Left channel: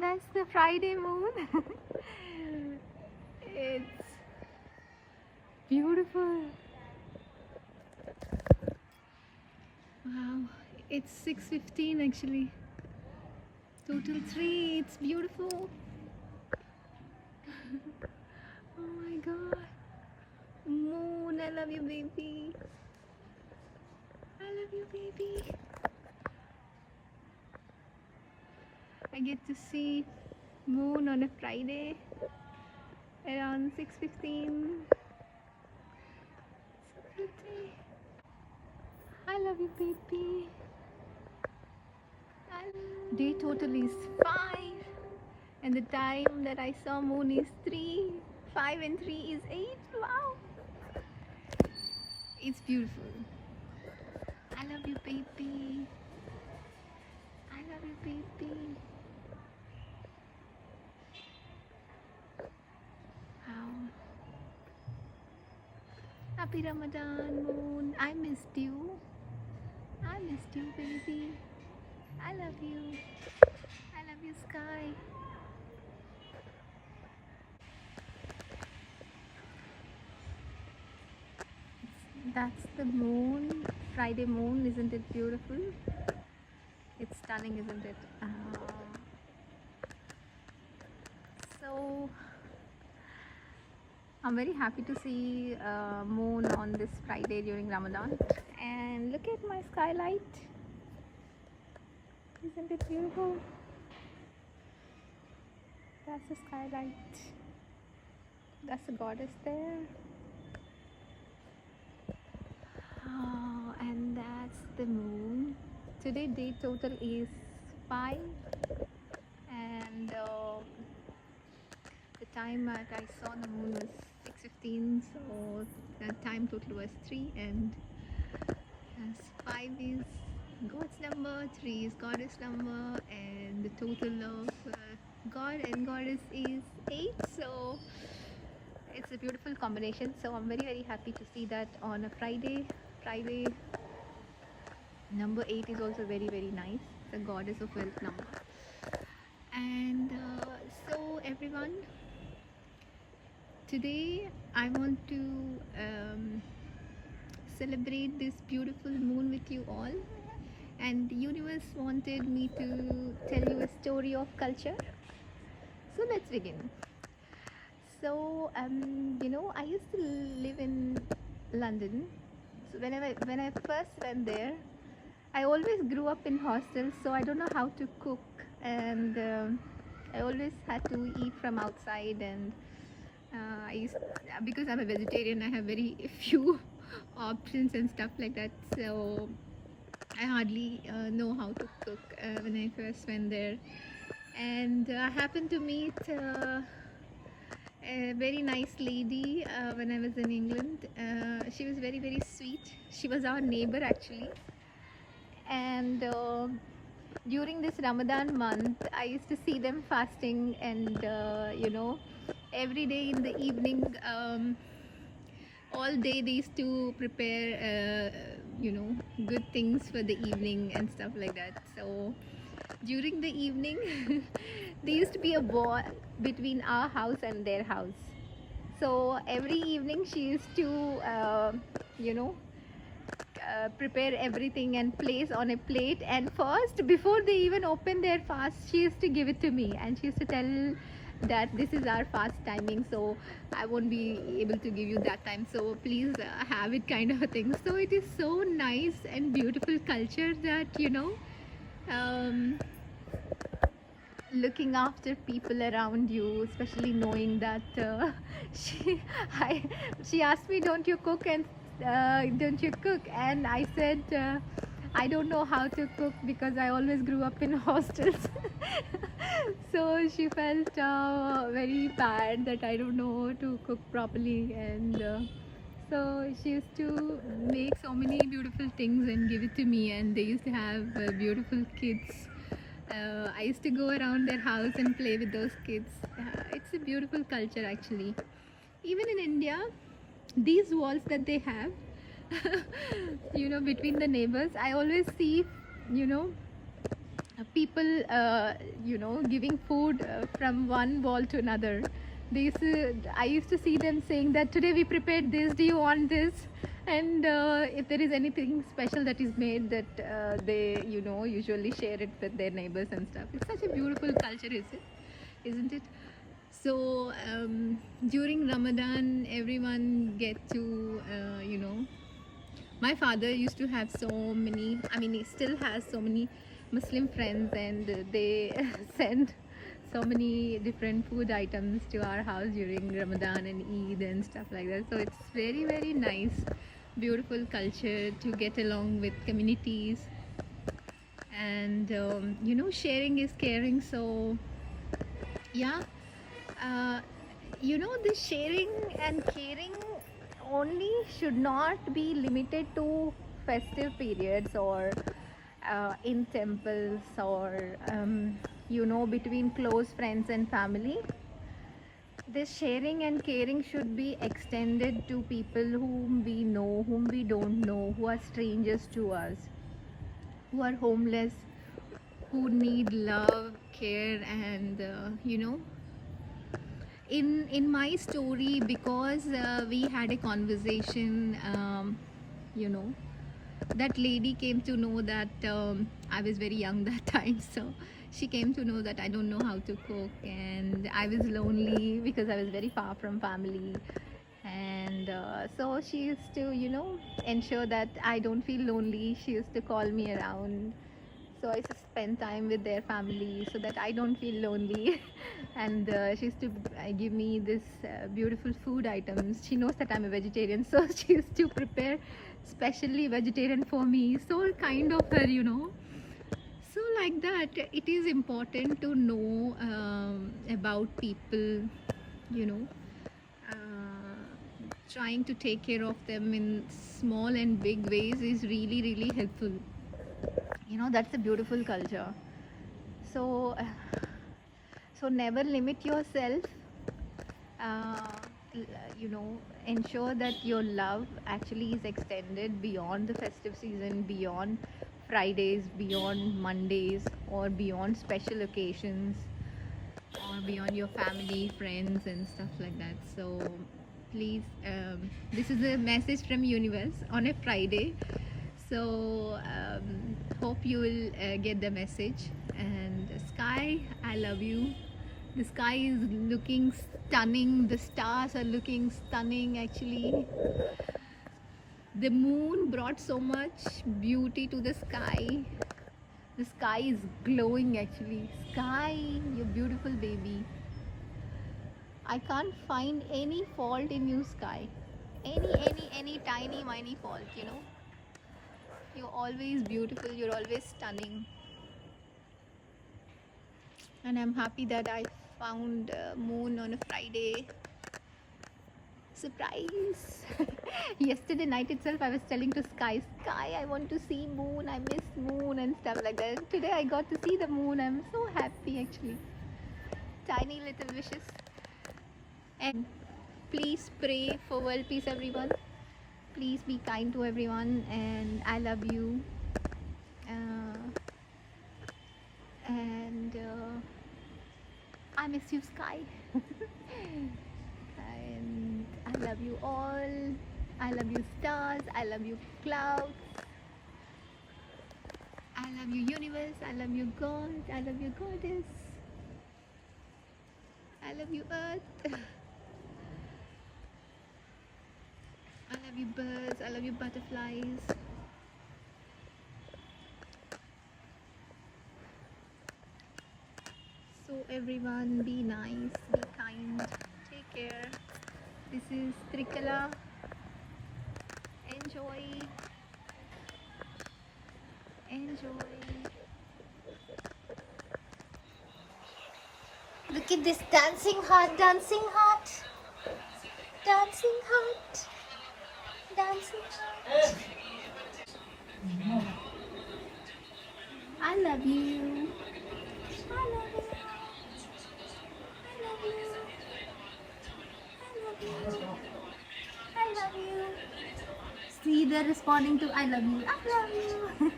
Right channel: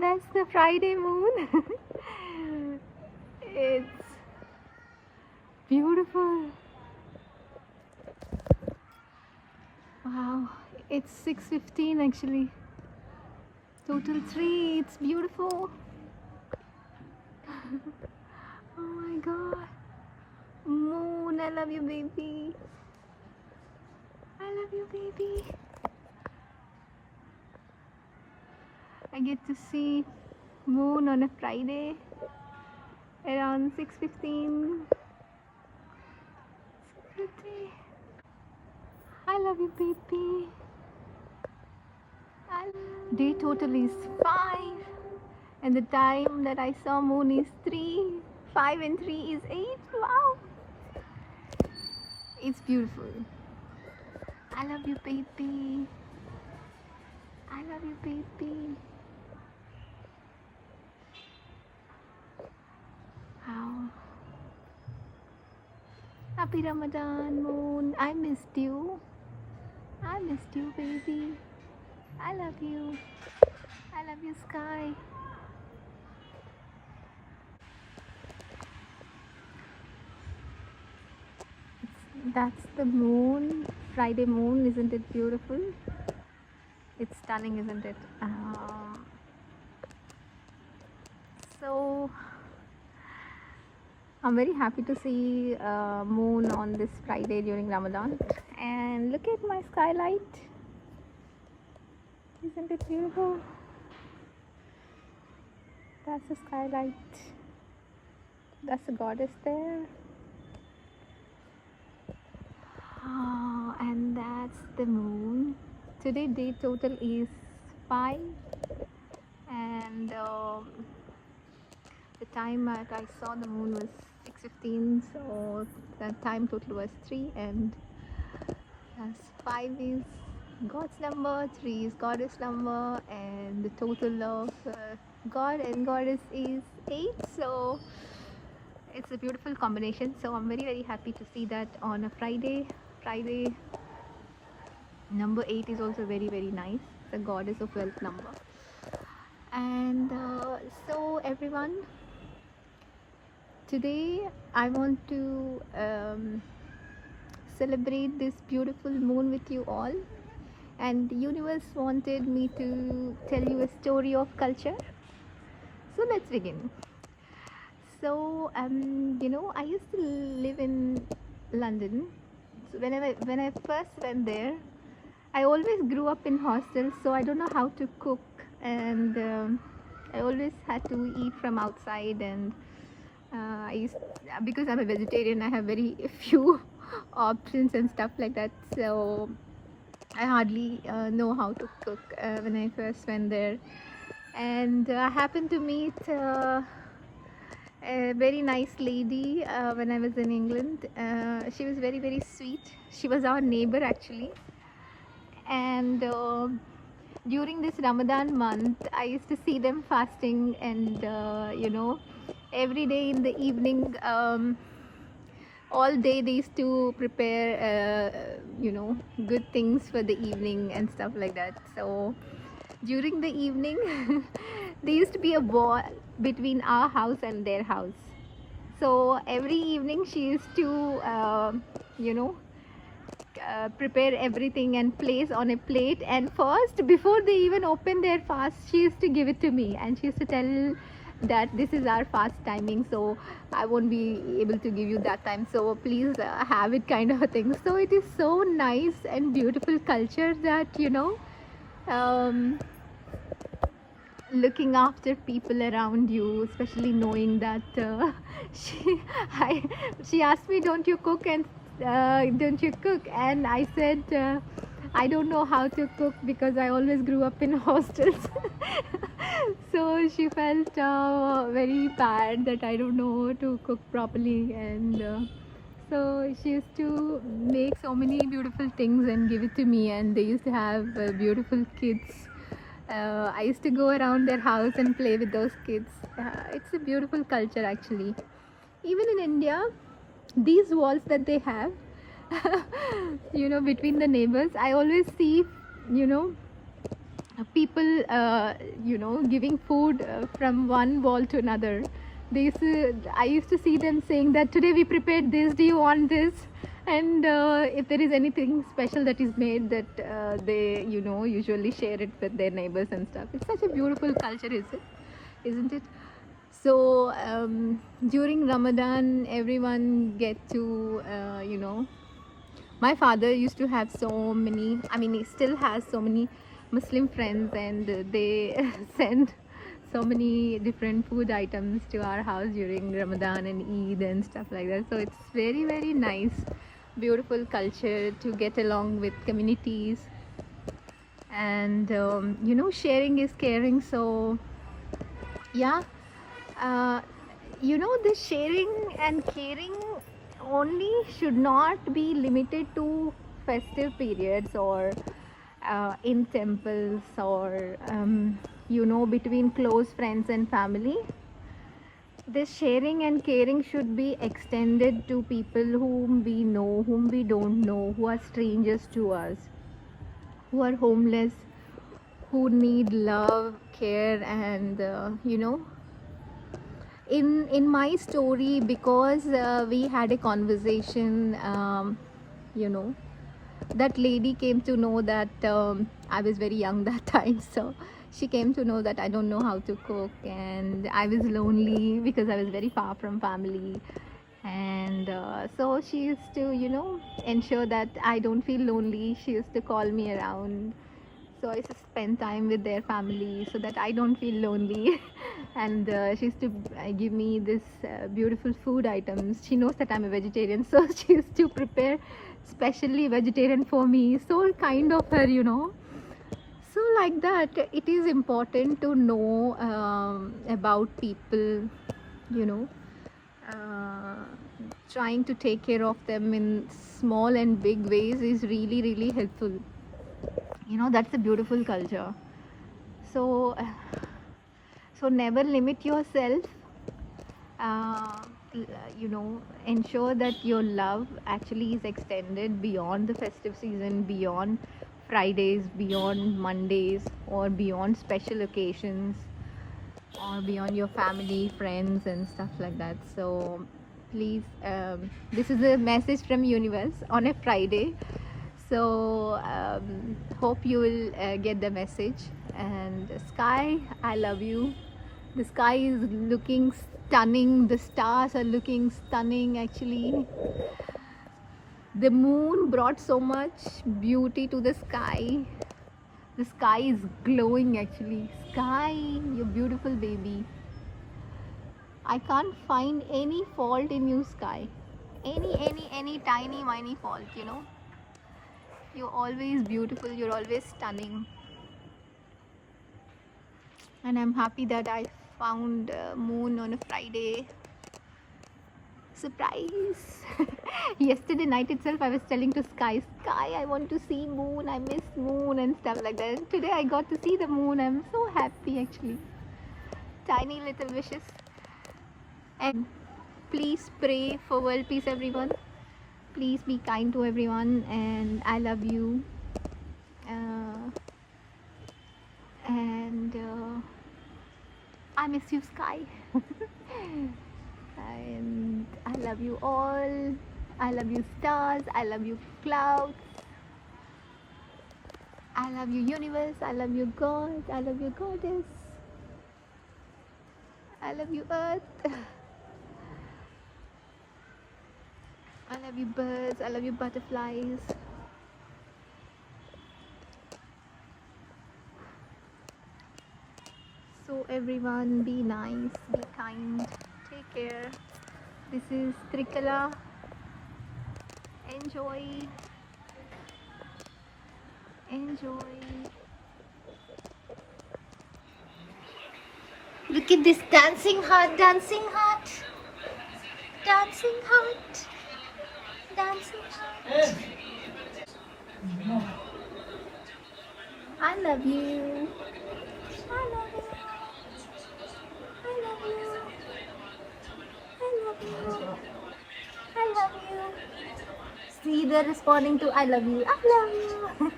That's the Friday moon. It's beautiful. Wow, it's 6:15 actually. Total 3. It's beautiful. Oh my god. Moon, I love you, baby. I love you, baby. I get to see moon on a Friday around 6:15. It's pretty. I love you, baby. Day total is 5, and the time that I saw moon is 3. 5 and 3 is 8. Wow, it's beautiful. I love you, baby. I love you, baby. Wow. Happy Ramadan, moon. I missed you. I missed you, baby. I love you. I love you, sky. That's the moon. Friday moon, isn't it beautiful? It's stunning, isn't it? So I'm very happy to see moon on this Friday during Ramadan. And look at my skylight. Isn't it beautiful? That's the skylight. That's the goddess there. Oh, and that's the moon. Today day total is 5, and the time that I saw the moon was 6:15, so the time total was 3, and as 5 is God's number, 3 is goddess number, and the total of God and goddess is 8. So it's a beautiful combination. So I'm very happy to see that on a Friday. Number 8 is also very nice. The goddess of wealth number. And so everyone, today I want to celebrate this beautiful moon with you all, and the universe wanted me to tell you a story of culture. So let's begin. So I used to live in London. So when I first went there, I always grew up in hostels, so I don't know how to cook, and I always had to eat from outside. And because I'm a vegetarian, I have very few options and stuff like that. So I hardly know how to cook when I first went there. And I happened to meet a very nice lady when I was in England. She was very sweet. She was our neighbor actually. And during this Ramadan month, I used to see them fasting, and every day in the evening, all day they used to prepare good things for the evening and stuff like that. So during the evening there used to be a war between our house and their house. So every evening she used to prepare everything and place on a plate, and first, before they even open their fast, she used to give it to me, and she used to tell that this is our fast timing, so I won't be able to give you that time, so please have it, kind of a thing. So it is so nice and beautiful culture that looking after people around you, especially knowing that she she asked me, don't you cook, and don't you cook? And I said, I don't know how to cook because I always grew up in hostels. So she felt very bad that I don't know how to cook properly, and so she used to make so many beautiful things and give it to me, and they used to have beautiful kids. I used to go around their house and play with those kids. It's a beautiful culture actually. Even in India, these walls that they have, between the neighbors, I always see, people, giving food from one wall to another. I used to see them saying that today we prepared this, do you want this? And if there is anything special that is made, that they usually share it with their neighbors and stuff. It's such a beautiful culture, isn't it? So during Ramadan, everyone get to my father used to have so many, I mean, he still has so many Muslim friends, and they send so many different food items to our house during Ramadan and Eid and stuff like that. So it's very, very nice, beautiful culture to get along with communities. And sharing is caring. So yeah, the sharing and caring only should not be limited to festive periods, or in temples, or between close friends and family. This sharing and caring should be extended to people whom we know, whom we don't know, who are strangers to us, who are homeless, who need love, care, and in my story, because we had a conversation, that lady came to know that I was very young that time. So she came to know that I don't know how to cook, and I was lonely because I was very far from family. And so she used to ensure that I don't feel lonely. She used to call me around, so I used to spend time with their family so that I don't feel lonely. And she used to give me this beautiful food items. She knows that I'm a vegetarian, so she used to prepare specially vegetarian for me. So kind of her, So like that, it is important to know about people, you know, uh, trying to take care of them in small and big ways is really, really helpful. That's a beautiful culture. So never limit yourself. uh, Ensure that your love actually is extended beyond the festive season, beyond Fridays, beyond Mondays, or beyond special occasions, or beyond your family, friends, and stuff like that. So please, this is a message from universe on a Friday. So hope you will get the message. And Sky, I love you. The sky is looking stunning, the stars are looking stunning. Actually, the moon brought so much beauty to the sky. The sky is glowing. Actually, Sky, you beautiful baby. I can't find any fault in you, Sky. Any tiny fault, You're always beautiful, you're always stunning. And I'm happy that I found moon on a Friday. Surprise! Yesterday night itself, I was telling to Sky, I want to see moon, I miss moon and stuff like that. Today I got to see the moon. I'm so happy, actually. Tiny little wishes. And please pray for world peace, everyone. Please be kind to everyone, and I love you. And I miss you, Sky. And I love you all. I love you, stars. I love you, clouds. I love you, universe. I love you, God. I love you, goddess. I love you, earth. I love you, birds. I love you, butterflies. So everyone, be nice, be kind, take care. This is Trikala. Enjoy. Look at this dancing heart, dancing heart, dancing heart, dancing heart. I love you. I love you. I love you. I love you. I love you. See, they're responding to I love you. I love you.